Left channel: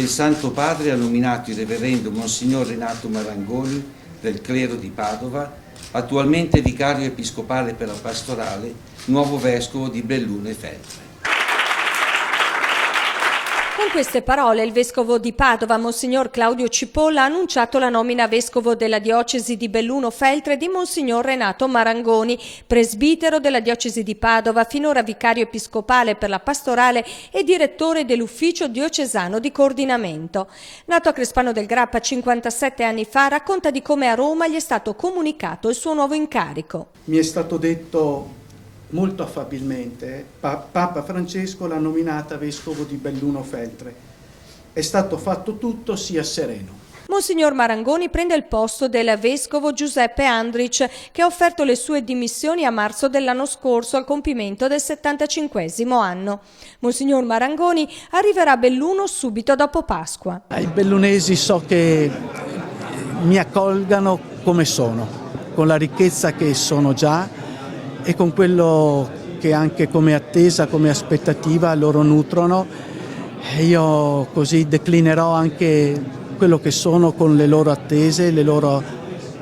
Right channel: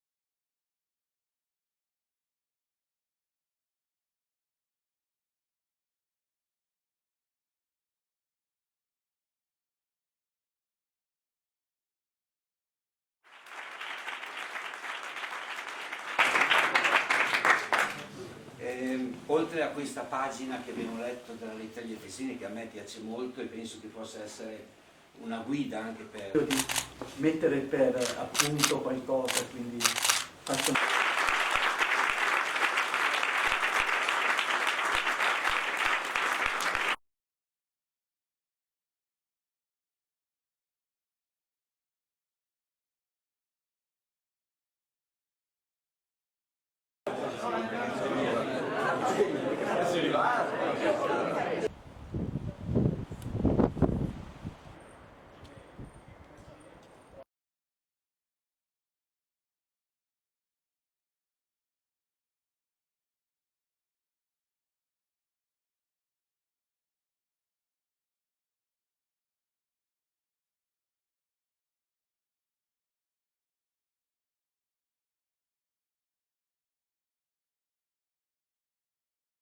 Il Santo Padre ha nominato il Reverendo Monsignor Renato Marangoni del clero di Padova, attualmente vicario episcopale per la pastorale, nuovo vescovo di Belluno e Feltre. Con queste parole il vescovo di Padova, Monsignor Claudio Cipolla, ha annunciato la nomina a vescovo della diocesi di Belluno Feltre di Monsignor Renato Marangoni, presbitero della diocesi di Padova, finora vicario episcopale per la pastorale e direttore dell'ufficio diocesano di coordinamento. Nato a Crespano del Grappa 57 anni fa, racconta di come a Roma gli è stato comunicato il suo nuovo incarico. Mi è stato detto molto affabilmente, Papa Francesco l'ha nominata vescovo di Belluno Feltre. È stato fatto tutto, sia sereno. Monsignor Marangoni prende il posto del vescovo Giuseppe Andric, che ha offerto le sue dimissioni a marzo dell'anno scorso al compimento del 75° anno. Monsignor Marangoni arriverà a Belluno subito dopo Pasqua. I bellunesi so che mi accolgano come sono, con la ricchezza che sono già e con quello che anche come attesa, come aspettativa loro nutrono. E io così declinerò anche quello che sono con le loro attese, le loro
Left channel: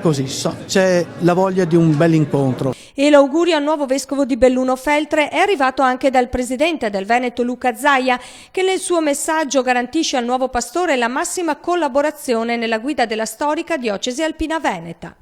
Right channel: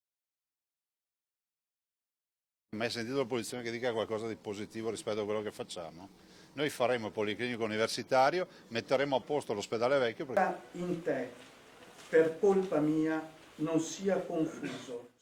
così. C'è la voglia di un bel incontro. E l'augurio al nuovo vescovo di Belluno Feltre è arrivato anche dal presidente del Veneto Luca Zaia, che nel suo messaggio garantisce al nuovo pastore la massima collaborazione nella guida della storica diocesi alpina veneta.